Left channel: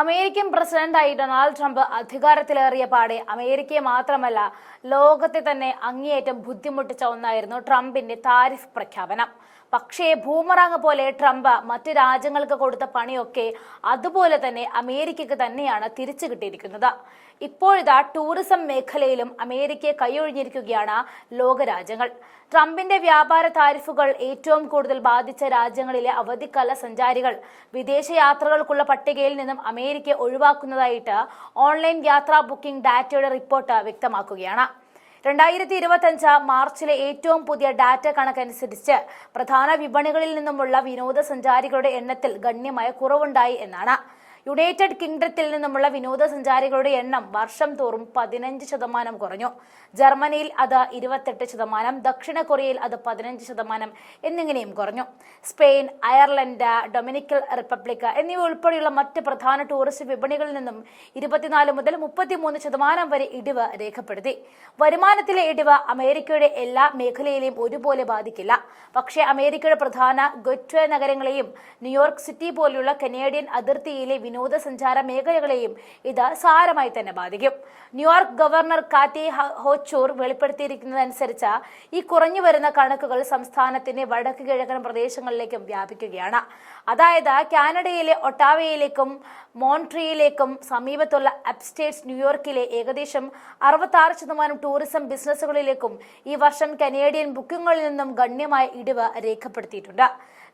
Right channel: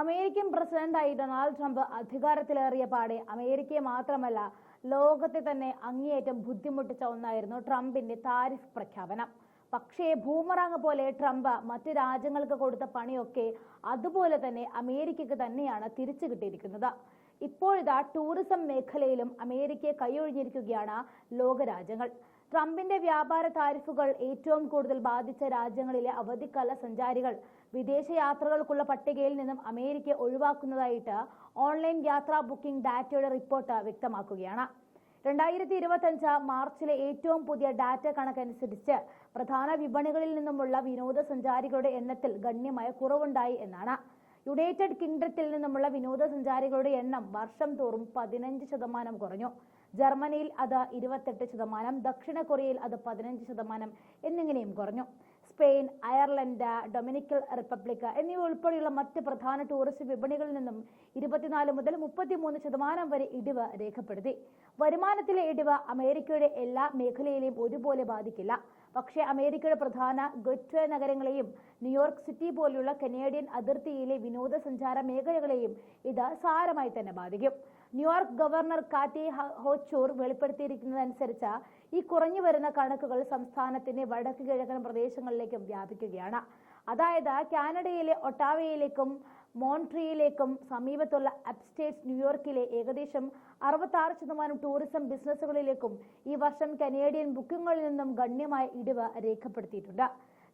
American പ്രസിഡന്റായി Donald Trump അധികാരത്തിലേറിയ പാടെ അമേരിക്കയെ മാത്രമല്ല ലോകത്തെ തന്നെ അങ്ങേയറ്റം ബുദ്ധിമുട്ടിച്ച ഒന്നായിരുന്നു ട്രംപിന്റെ താരിഫ് പ്രഖ്യാപനം. പക്ഷേ ബൂമറാങ് പോലെ ട്രംപ് മറ്റ് രാജ്യങ്ങൾക്ക് കൊടുത്ത പണിയൊക്കെ അതുപോലെ തന്നെ അമേരിക്കയ്ക്ക് തന്നെയാണ് തിരിച്ചു കിട്ടിയിരിക്കുന്നത്. ഇപ്പോഴിതാ ടൂറിസം മേഖലയിലും അമേരിക്കയെ കൈയൊഴിഞ്ഞിരിക്കുകയാണ് ലോകരാജ്യങ്ങൾ. ട്രംപിന്റെ വ്യാപാര താരിഫുകൾ ഏറ്റവും കൂടുതൽ ബാധിച്ച രാജ്യങ്ങളിലെ അവധിക്കാല സഞ്ചാരികൾ വിദേശയാത്രകൾക്കുള്ള പട്ടികയിൽ നിന്നും അമേരിക്ക ഒഴിവാക്കുന്നതായിട്ട് ഓൺലൈൻ യാത്രാ ബുക്കിംഗ് ഡാറ്റയുടെ റിപ്പോർട്ട് വ്യക്തമാക്കുകയാണ്. 2025 മാർച്ചിലെ ഏറ്റവും പുതിയ ഡാറ്റ കണക്കനുസരിച്ച് പ്രധാന വിപണികളിൽ നിന്നുമുള്ള വിനോദസഞ്ചാരികളുടെ എണ്ണത്തിൽ ഗണ്യമായ കുറവുണ്ടായി എന്നാണ്. യുണൈറ്റഡ് കിങ്ഡത്തിൽ നിന്നുമുള്ള വിനോദസഞ്ചാരികളുടെ എണ്ണം വർഷം തോറും 15% കുറഞ്ഞു. ജർമ്മനിയിൽ അത് 28%, ദക്ഷിണ കൊറിയയിൽ അത് 15% എന്നിങ്ങനെയും കുറഞ്ഞു. സ്പെയിൻ, അയർലൻഡ്, ഡൊമിനിക്കൻ റിപ്പബ്ലിക് എന്നിവ ഉൾപ്പെടെയുള്ള മറ്റ് പ്രധാന ടൂറിസ്റ്റ് വിപണികളിൽ നിന്നും 24 മുതൽ 33% വരെ ഇടിവ് രേഖപ്പെടുത്തി. വരുമാനത്തിലെ ഇടിവ് അമേരിക്കയുടെ എല്ലാ മേഖലയിലെയും ഒരുപോലെ ബാധിക്കില്ല. പക്ഷേ അമേരിക്കയുടെ പ്രധാന ഗേറ്റ്വേ നഗരങ്ങളെയും ന്യൂയോർക്ക് സിറ്റി പോലെയുള്ള കനേഡിയൻ അതിർത്തിയിലെ വിനോദസഞ്ചാര മേഖലകളെയും ഇത് സാരമായി തന്നെ ബാധിക്കും. ന്യൂയോർക്ക് ഗവർണർ കാറ്റി ഹോച്ചൂർ വെളിപ്പെടുത്തിയിരിക്കുന്നതനുസരിച്ച് ഈ കുറഞ്ഞു വരുന്ന കണക്കുകൾ സംസ്ഥാനത്തിന്റെ വടക്ക് കിഴക്കൻ പ്രദേശങ്ങളിലേക്കും വ്യാപിക്കുകയാണ്. അതായത് കാനഡയിലെ ഒട്ടാവയിലേക്കും മോൺട്രിയലിലേക്കും സമീപത്തുള്ള അപ്സ്റ്റേറ്റ് ന്യൂയോർക്കിലെ ഏകദേശം 66% ടൂറിസം ബിസിനസ്സുകളിലേക്കും ഈ വർഷം കനേഡിയൻ ബുക്കിങ്ങുകളിൽ നിന്നും ഗണ്യമായ ഇടിവ് രേഖപ്പെടുത്തിയിട്ടുണ്ട്.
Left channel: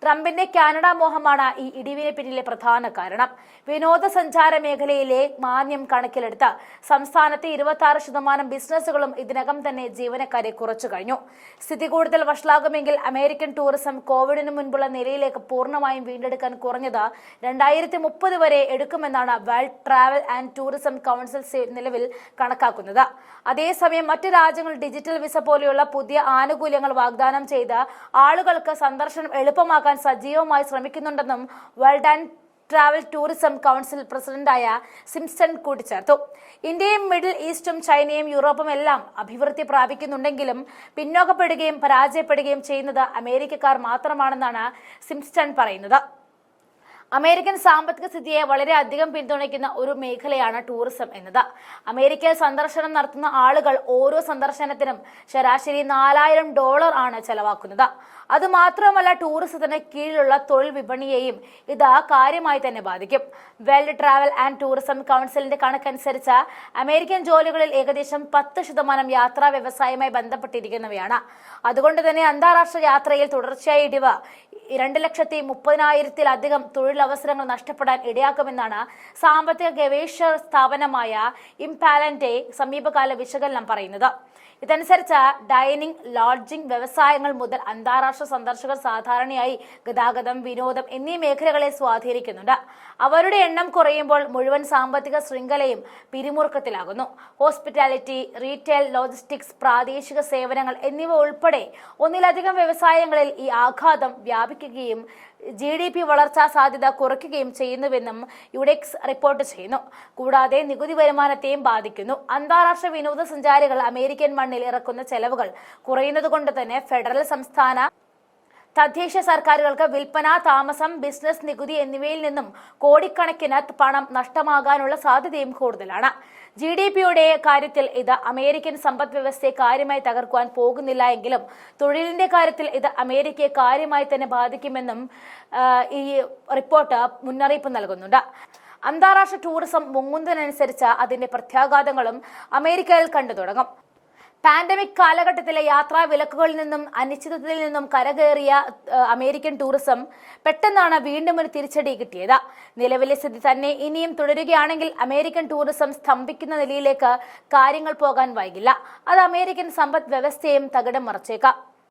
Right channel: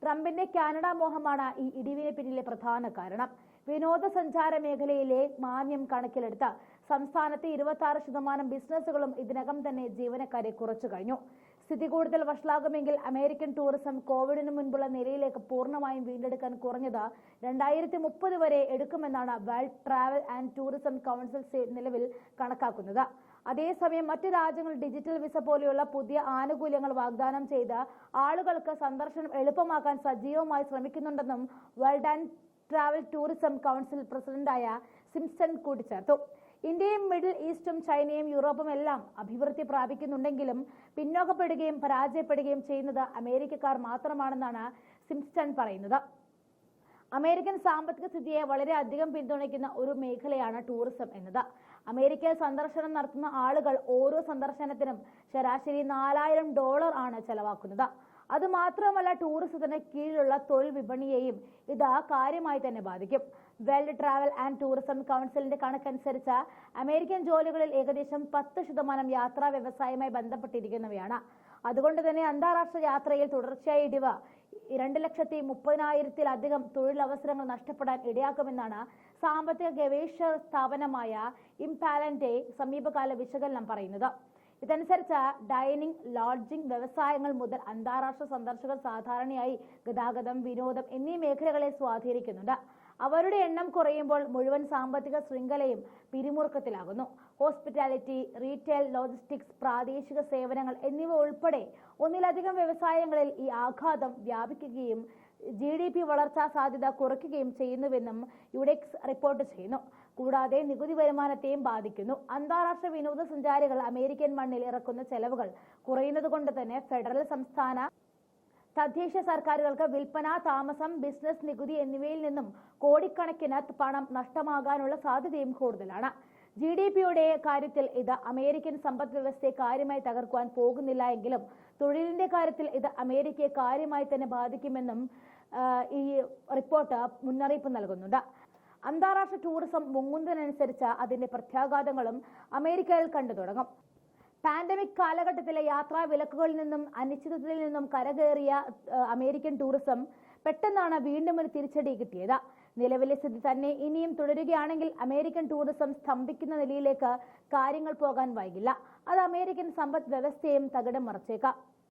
ട്രംപിന്റെ കാനഡ മോഹമാണ് ഈ ഇടിവിന് പിന്നിലെ പ്രധാന കാരണം. വിനോദസഞ്ചാര മേഖലയിലെ മാന്ദ്യം കണക്കിലെടുത്ത് സംസ്ഥാനത്തെ 26% ബിസിനസ്സുകളും ഇതിനകം തന്നെ ജീവനക്കാരെ കുറച്ചു കഴിഞ്ഞു. സ്ഥിതി കൂടുതൽ വഷളാകുമെങ്കിൽ അമേരിക്കൻ ടൂറിസം കോവിഡിന് മുൻപുള്ള നിലയിലേക്ക് പൂർണ്ണമായും വീണ്ടെടുക്കാൻ കുറഞ്ഞത് 2030 വരെ എടുക്കുമെന്നാണ് world travel and tourism council നിലവിൽ കണക്കാക്കുന്നത്. അതേസമയം മറ്റ് രാജ്യങ്ങൾ ഡിജിറ്റൽ വിസ പോലെയുള്ള പുതിയ ആനുകൂല്യങ്ങൾ വാഗ്ദാനം ചെയ്ത് ആളുകൾക്ക് സന്ദർശനം എളുപ്പമാക്കാൻ സജീവമായി ശ്രമിക്കുന്നുണ്ടെന്നും world and travel tourism council പ്രസിഡന്റായ സിംപ്സൺ കൂട്ടിച്ചേർത്തു. ഇന്ത്യയും മിഡിൽ ഈസ്റ്റും ചൈനയും യൂറോപ്പും എല്ലാം അഭിവൃദ്ധി പ്രാപിക്കുന്നുണ്ടെങ്കിലും പിന്നോക്കപ്പെടുകയും പരാജയപ്പെടുകയും ചെയ്യുന്നത് അമേരിക്കക്കാർ മാത്രമാണെന്നാണ് സിംപ്സൺ പറയുന്നത്. അമേരിക്കൻ സാമ്പത്തിക സ്ഥിതിയെ വളരെയധികം പിന്തുണയ്ക്കുന്ന ഒരു മേഖലയാണ് ടൂറിസം എന്നത്. അമേരിക്കയിൽ സന്ദർശനം നടത്തുന്ന ആളുകൾ ഓരോ സന്ദർശനത്തിനും ശരാശരി $4000 ആണ് ചെലവാക്കുന്നത്. അതുമാത്രമല്ല ടൂറിസത്തിന് കീഴിലുള്ള തൊഴിൽ വിപണിയെയും ഇത് കാര്യമായി തന്നെ ബാധിക്കും. വേൾഡ് ട്രാവൽ ആൻഡ് ടൂറിസം കൗൺസിലിന്റെ കണക്കനുസരിച്ച് അമേരിക്കൻ ജോലികളിൽ ഏകദേശം 10% യാത്രാ വ്യവസായവുമായി ബന്ധപ്പെട്ടിരിക്കുന്നവയാണ്. അതുകൊണ്ട് തന്നെ അന്താരാഷ്ട്ര യാത്രയിൽ തുടർച്ചയായ ഇടിവ് 2,30,000-ത്തിലധികം തൊഴിലവസരങ്ങൾ നഷ്ടപ്പെടാൻ ഇടയാക്കുമെന്നാണ് സാമ്പത്തിക ഗവേഷണ സ്ഥാപനമായ ഇംപാലന്റെ സമീപകാല വിശകലനം പറയുന്നത്. ഇതനുസരിച്ച് ഡൈനിങ്, ലോഡ്ജിംഗ് വ്യവസായങ്ങൾ മുതൽ അന്താരാഷ്ട്ര സന്ദർശകർ സാധാരണയായി ഗതാഗതം, വിനോദം എന്നീ മേഖലകളെ സ്വാധീനിക്കുന്നുണ്ട്. അവരുടെ എണ്ണം കുറയുമ്പോൾ മുഴുവൻ സാമ്പത്തിക ശൃംഖലയും പിരിമുറുക്കത്തിലാകുന്നു. ഹോസ്പിറ്റാലിറ്റി, റീറ്റെയിൽ, ലോജിസ്റ്റിക്സ്, പ്രാദേശിക സേവനങ്ങൾ എന്നിവ ഉൾപ്പെടെ ഒന്നിലധികം വ്യവസായങ്ങളിൽ ഈ ആഘാതം വ്യാപിക്കുകയും GDP വളർച്ചാ സാധ്യത കുറയ്ക്കുകയും ചെയ്യുന്നുവെന്നും യുഡെക്സ് റിപ്പോർട്ട് ചെയ്യുന്നു. കൂടാതെ നികുതി വരുമാനത്തെയും ബാധിക്കുന്നു. അന്താരാഷ്ട്ര വിനോദസഞ്ചാരികൾ അമേരിക്കൻ മണ്ണിൽ ഇറക്കുന്ന ചെലവുകൾ കുറയുന്നതുകൊണ്ട് തന്നെ ഫെഡറൽ, സംസ്ഥാന, തദ്ദേശ സർക്കാരുകൾക്ക് വിൽപ്പന, താമസം, ബിസിനസ് നികുതി എന്നിവയിൽ നിന്നും കോടിക്കണക്കിന് പണം നഷ്ടമാകാനുള്ള സാധ്യതയും കൂടുതലാണ്. GDPയുടെ കാര്യത്തിൽ ഇത് അമേരിക്കൻ സമ്പദ് വ്യവസ്ഥയെ കാര്യമായി തകർക്കുവാൻ പോകുന്നില്ല എങ്കിലും തൊഴിലിന്റെ കാര്യത്തിൽ ഇത് അമേരിക്കയെ കാര്യമായി തന്നെ ബാധിക്കുമെന്നും ഈ റിപ്പോർട്ട് മുന്നറിയിപ്പ് നൽകുന്നുണ്ട്. അന്താരാഷ്ട്ര ടൂറിസം മുങ്ങുന്നതിനനുസരിച്ച് അതിന്റെ പ്രത്യാഘാതങ്ങളും അമേരിക്കയിൽ കണ്ടു തുടങ്ങും. പാൻഡമിക് കാലഘട്ടത്തിലെ യാത്രാ വിലക്കുകളിൽ നിന്നും അനിശ്ചിതത്വത്തിൽ നിന്നും കരകയറിയ അമേരിക്കൻ ടൂറിസം പെട്ടെന്നാണ് വീണ്ടും ഒരു തിരിച്ചടി കിട്ടിയത്. നിലവിലെ സ്ഥിതി തന്നെ ഇനിയും തുടരുകയാണെങ്കിൽ അമേരിക്കൻ ടൂറിസം സ്തംഭിക്കുന്ന നിലയിലേക്ക് കാര്യങ്ങൾ പോകാൻ വൈകില്ല. അത് അമേരിക്കൻ സമ്പദ് വ്യവസ്ഥയെയും തകിടം മറിച്ചേക്കാം.